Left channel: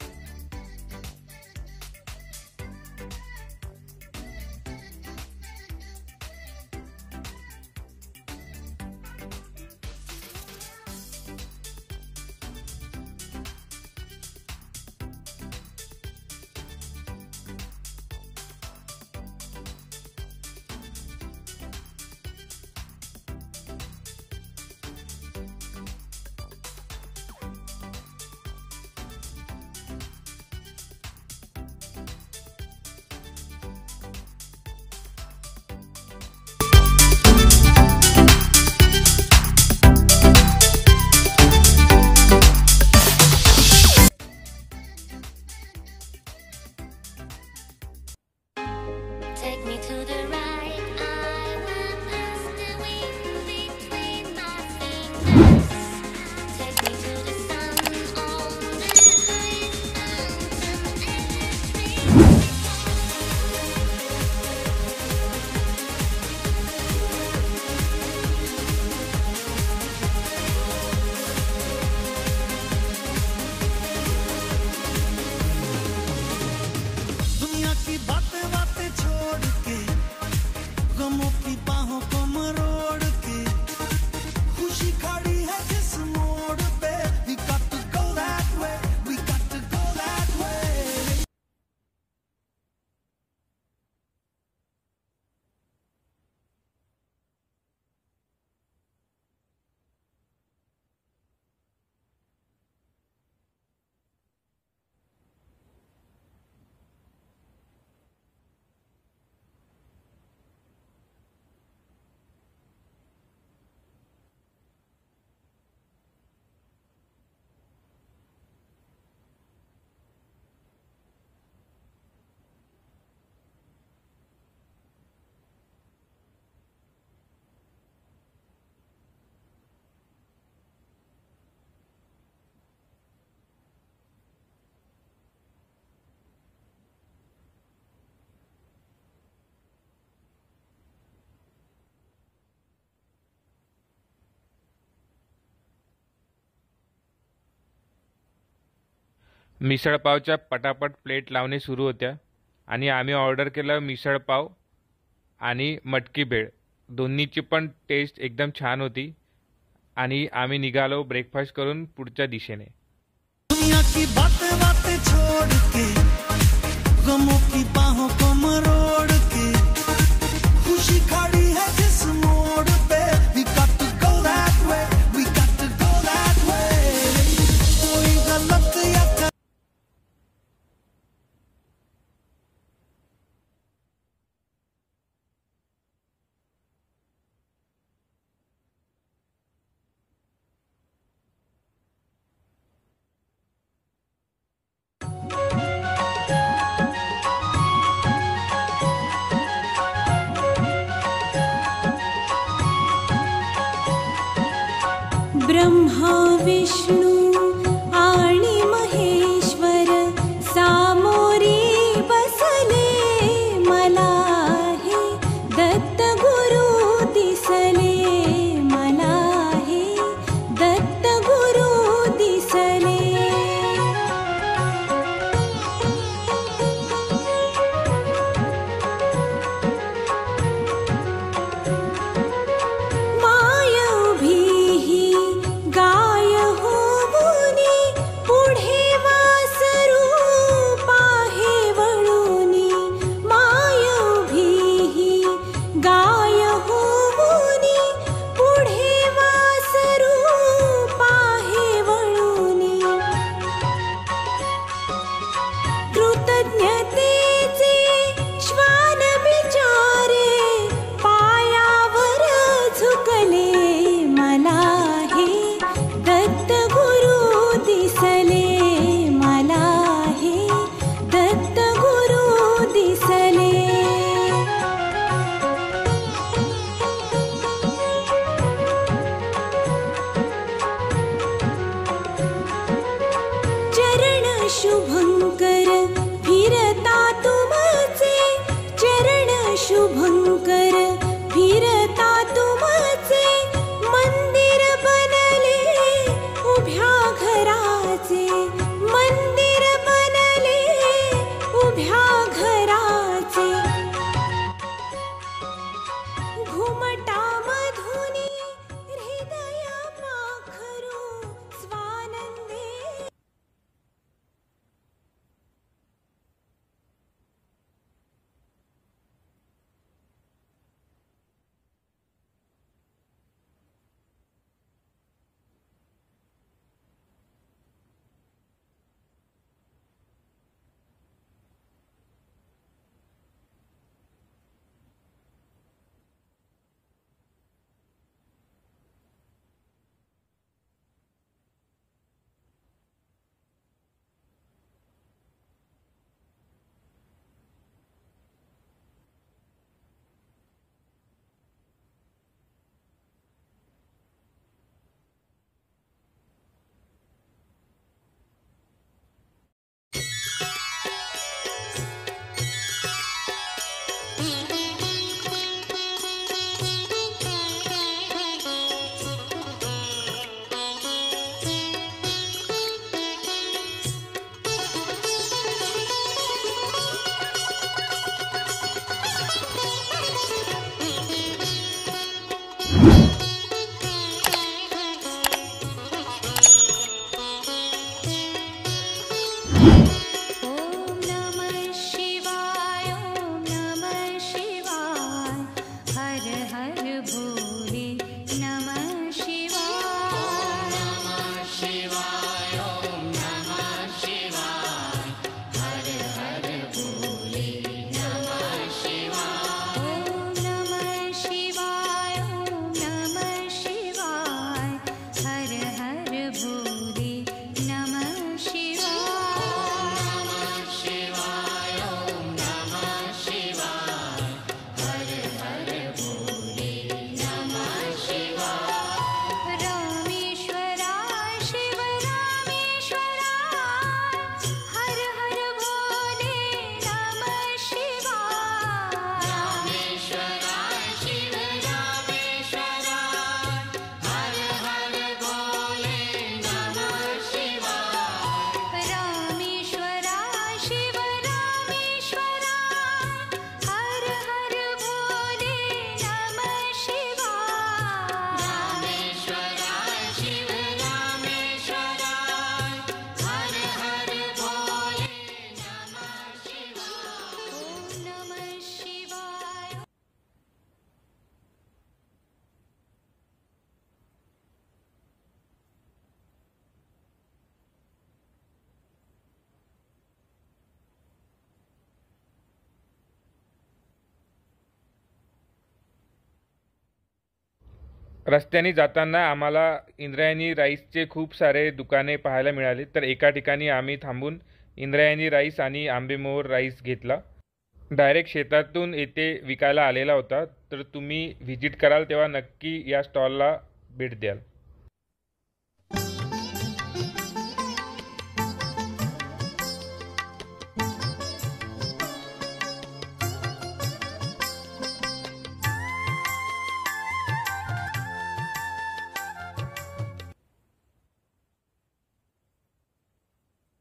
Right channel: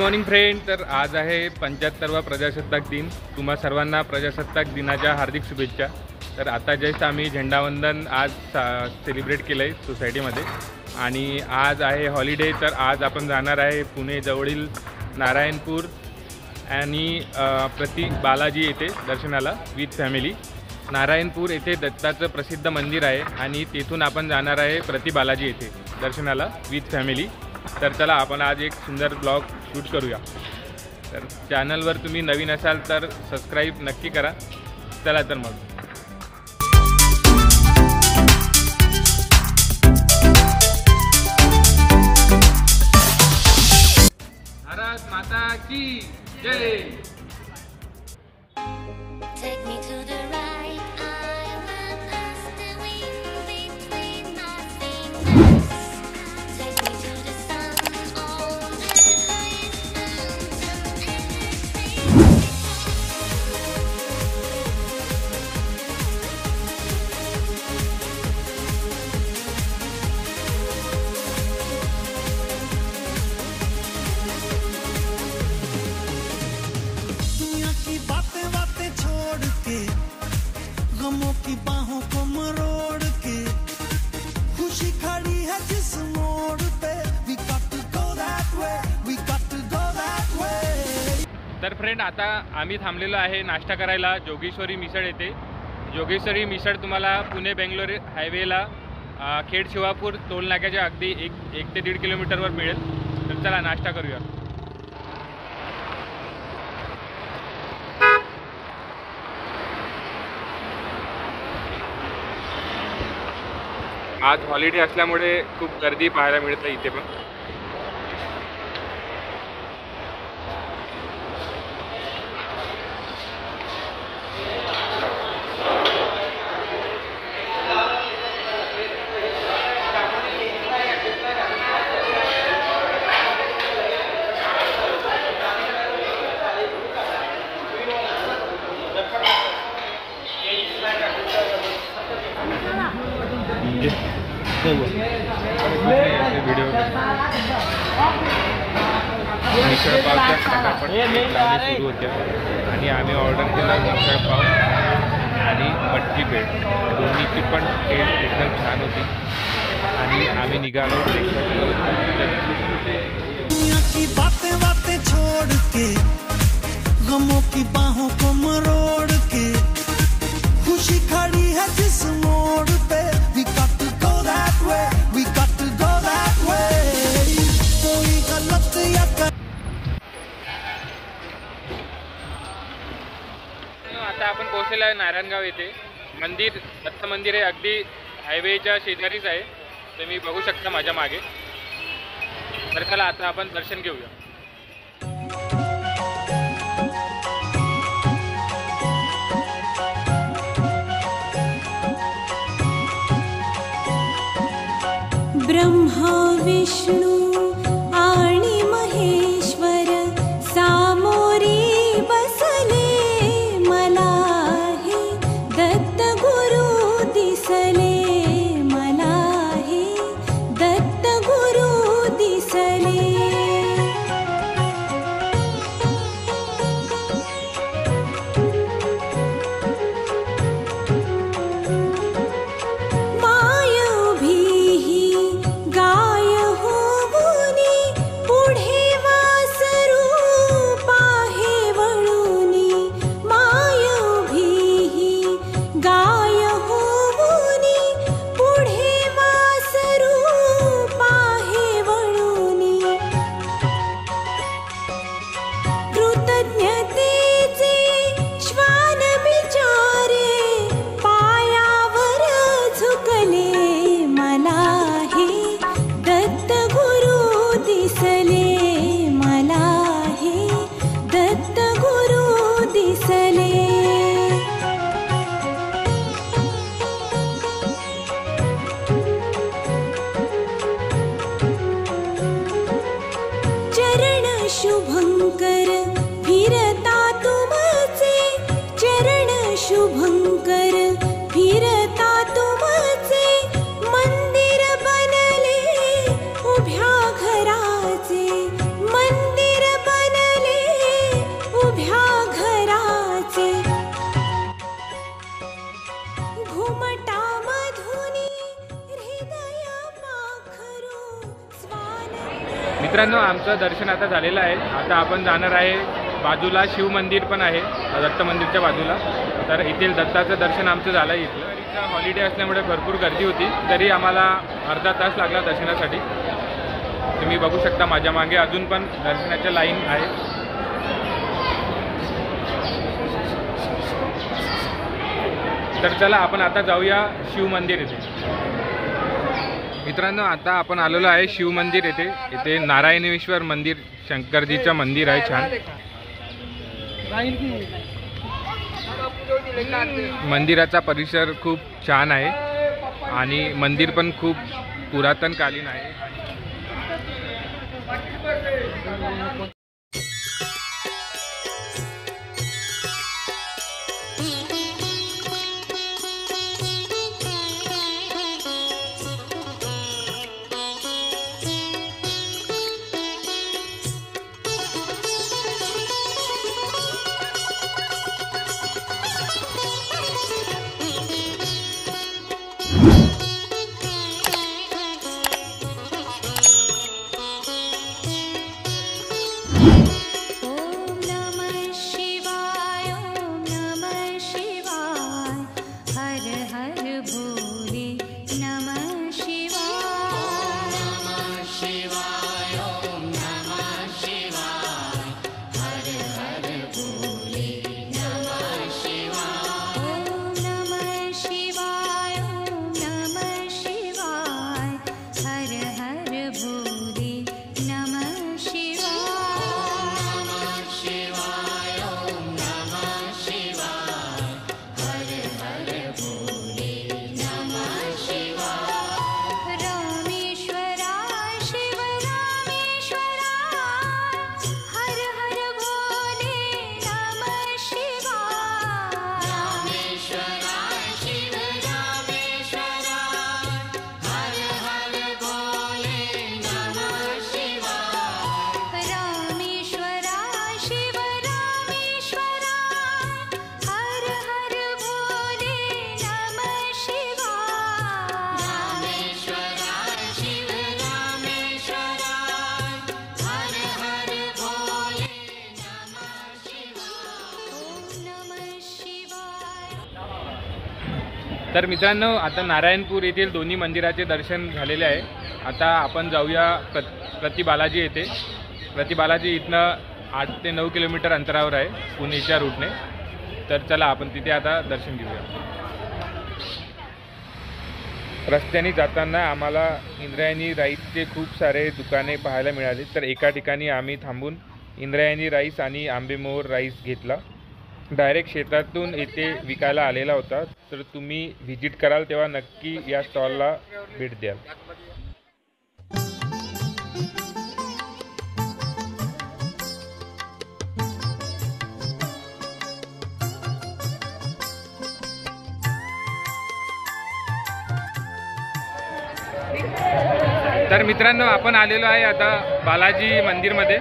Morning friend. तर आज आहे 75वा प्रजासत्ताक दिन। तुम्हा सर्वांना प्रजासत्ताक दिनाच्या हार्दिक शुभेच्छा। तर आता जस्ट आम्ही झेंडावंदन आज सेलिब्रेट केलं आहे सोसायटीमध्ये आणि आज आहे हॉलिडे। तर आज आपण जाणार आहे पुणे जवळील नारायणपूर आणि प्रति बालाजी येथे दर्शनाला विथ फॅमिली। नारायणपूर येथे दत्ताचं प्रसिद्ध मंदिर आहे आणि तेथून आपण जाणार आहे प्रति बालाजी येथे दर्शनाला विथ फॅमिली। तर चला आपण आज एक सुंदर ब्लॉग शूट करूया। तर चॅनलवर तुम्ही नवीन असाल तर सबस्क्राईब नक्की करा। चला तर मग भारत माता की जय। Take me to the right, I will pass the wind between my fingers. Take me to the sun on the highest mountain ever seen before. दुनिया की बातें बातें छोड़ के गमों की बाहों को मरोड़ के खुशी खड़ी है जिस मोड़ पे we got to go that way, we got to go that way। तर फ्रेंड आता आम्ही थांबलेलो आहे नाश्ता करायला जोगेश्वरी मिसळ येथे। जोगेश्वरी मिसळ तुम्हाला पुणे बेंगलोर हायवेला खेड शिवापूर टोल नाक्याच्या अगदी एक ते 1.5 किलोमीटरवर मिळेल। तर चला नाश्ता करूया। आज हॉलिडे असल्यामुळे खूप गर्दी पाहायला मिळते इथे पण। मिसळ पावच्या पटापट प्लेट लावणे सुरू होत्या आणि आम्ही ऑर्डर केलं मिसळ पाव आणि मटकी पेट। दोन्हीची पण टेस्ट एकदम छान होती आणि आम्ही निघालो ब्रेकफास्ट करून त्या दिशेने। दुनिया की बातें बातें छोड़ के गमों की बाहों को मरोड़ के खुशी खड़ी है जिस मोड़ पे we got to go that way, we got to go that way। कोई गलत या आता आपण पोहोचलेलो आहे नारायणगाव येथे। मंदिर दत्त मंदिर आहे अगदी हायवेच्या शेजारीच आहे। तुम्ही बघू शकता माझ्या मागे। तर चला आता आपण दर्शन घेऊया। ब्रह्मा विष्णू आणि महेश्वर सामोरी बसले मला हे दत्त गुरु दिसले मला हे दत्त गुरु दिसले। माय उभी गाय होऊनी पुढे वासरू पाहे वळूनी। माय उभी गाय होऊनी पुढे वासरू पाहे वळूनी। कृतज्ञतेचे श्वान बिचारे पायावर झुकले मला हे दत्त गुरु दिसले मला हे दत्त गुरु दिसले। चरण शुभंकर फिरता तुमचे चरण शुभंकर फिरता तुमचे मंदिर बनले उभ्या घराचे मंदिर बनले मित्रांनो, आमचं दर्शन आता झालेलं आहे. आता आपण जाणार आहे, बाजूला शिव मंदिर पण आहे दत्त मंदिरच्या बाजूला. तर येथील दत्ताचं दर्शन आमचं झालं आहे. इथलं हॉलिडे असल्यामुळे भरपूर गर्दी होती, तरी आम्हाला अर्धा तास लागला दर्शनासाठी. तुम्ही बघू शकता माझ्या मागे अजून पण दर्शनाच्या लाईन आहे. तर चला आपण आता जाऊया शिव मंदिर येथे. मित्रांनो, आता आपण आलेलो आहे शिव मंदिर येथे. इथे नारायणेश्वर मंदिर, शंकरजीचं मंदिर आहे छान. मंदिराचा परिसर खूप छान आहे आणि मंदिर पण खूप पुरातनकालीन आहे. तर मित्रांनो, आता नारायणपूर येथील दोन्ही मंदिराचे दर्शन झालेले आहे. आता आपण जाऊया प्रति बालाजी येथे. प्रति बालाजी इथनं 8 ते 9 किलोमीटर अंतरावर आहे पुणेच्या रूटने. तर चला आपण तिथे आता दर्शन घेऊया. रस्त्याने जाताना आम्हाला इंद्रायणी राईसचे खूप सारे दुकाने पाहायला मिळाली. तर एका ठिकाणी आम्ही थांबून इंद्रायणी राईस आणि आंबेमोहर राईस घेतला. डायरेक्ट शेतातून येथे विकायला आलेला होता. तर तुम्ही व्हिजिट कराल तेव्हा नक्की या स्टॉलला भेट द्याल. तर मित्रांनो, आपण आलेलो आहे आता बालाजी मंदिरमध्ये.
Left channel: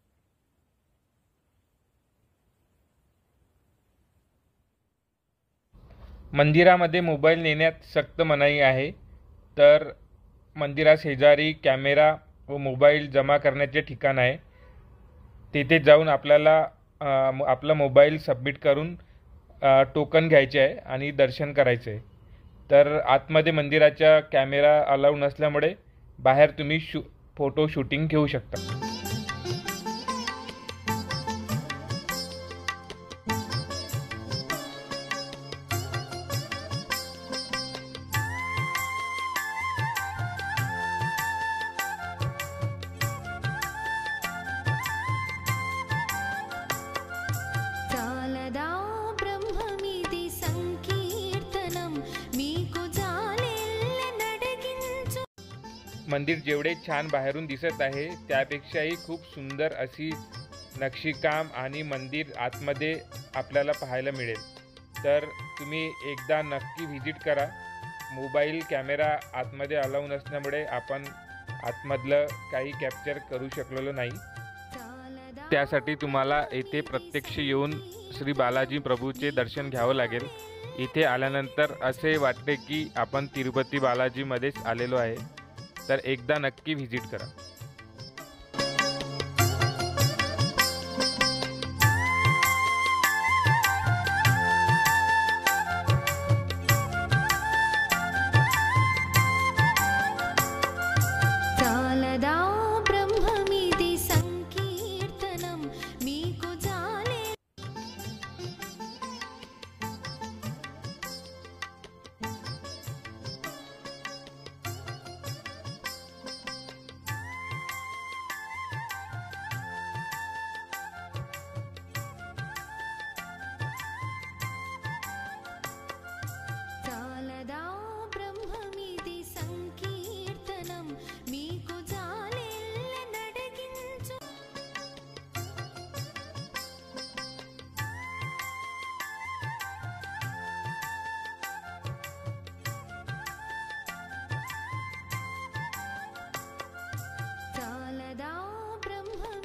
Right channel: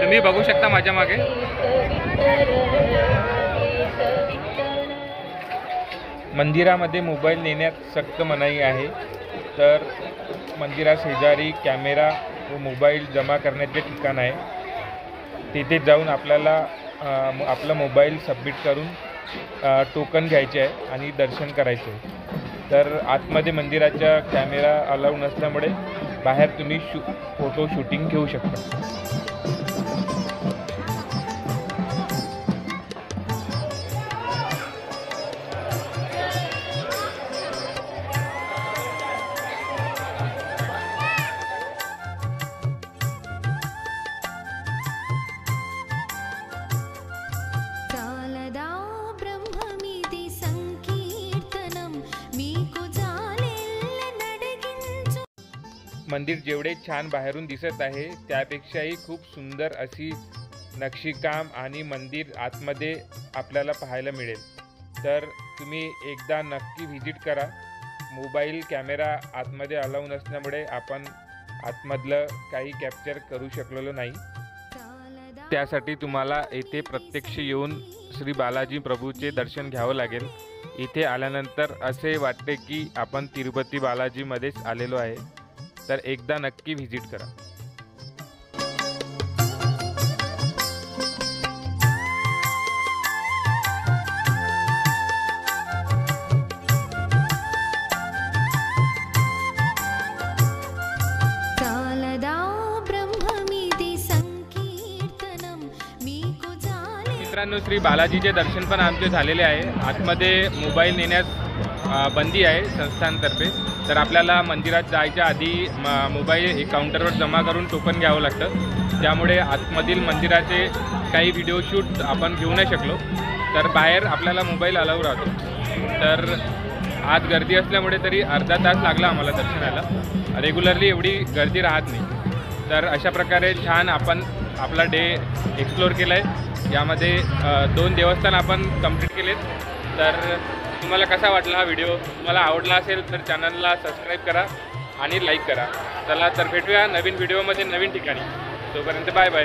तुम्ही बघू शकता माझ्या मागे. मंदिरामध्ये मोबाईल नेण्यात सक्त मनाई आहे. तर मंदिराशेजारी कॅमेरा व मोबाईल जमा करण्याचे ठिकाण आहे. तिथे जाऊन आपल्याला आपला मोबाईल सबमिट करून टोकन घ्यायचे आहे आणि दर्शन करायचे आहे. तर आतमध्ये मंदिराच्या कॅमेरा अलाउ नसल्यामुळे बाहेर तुम्ही फोटो शूटिंग घेऊ शकता. मंदिर जेवढे छान बाहेरून दिसत आहे त्यापेक्षाही खूप सुंदर अशी नक्षीकाम आणि मंदिर आतमध्ये आपल्याला पाहायला मिळेल. तर तुम्ही एकदा नक्की व्हिजिट करा. मोबाईल कॅमेरा आतमध्ये अलाउ नसल्यामुळे आपण आतमधलं काही कॅप्चर करू शकलेलो नाही. त्यासाठी तुम्हाला येथे प्रत्यक्ष येऊन श्री बालाजी प्रभूचे दर्शन घ्यावं लागेल. इथे आल्यानंतर असे वाटते की आपण तिरुपती बालाजीमध्येच आलेलो आहे. तर एकदा नक्की व्हिजिट करा. मित्रांनो, श्री बालाजीचे दर्शन पण आमचे झालेले आहे. आतमध्ये मोबाईल नेण्यास बंदी आहे संस्थांतर्फे. तर आपल्याला मंदिरात जायच्या आधी मोबाईल काउंटरवर जमा करून टोकन घ्यावं लागतं. त्यामुळे आतमधील मंदिराचे काही व्हिडिओ शूट आपण घेऊ नाही शकलो. तर बाहेर आपल्याला मोबाईल अलाऊ राहतो. तर आज गर्दी असल्यामुळे तरी अर्धा तास लागला आम्हाला दर्शनाला. रेग्युलरली एवढी गर्दी राहत नाही. तर अशा प्रकारे छान आपण आपला डे एक्सप्लोअर केला आहे. यामध्ये 2 देवस्थान आपण कंप्लीट केलेत. तर तुम्हाला कसा वाटला हा व्हिडिओ? तुम्हाला आवडला असेल तर चॅनलला सबस्क्राईब करा आणि लाईक करा. चला तर भेटूया नवीन व्हिडिओमध्ये नवीन ठिकाणी. तोपर्यंत बाय बाय.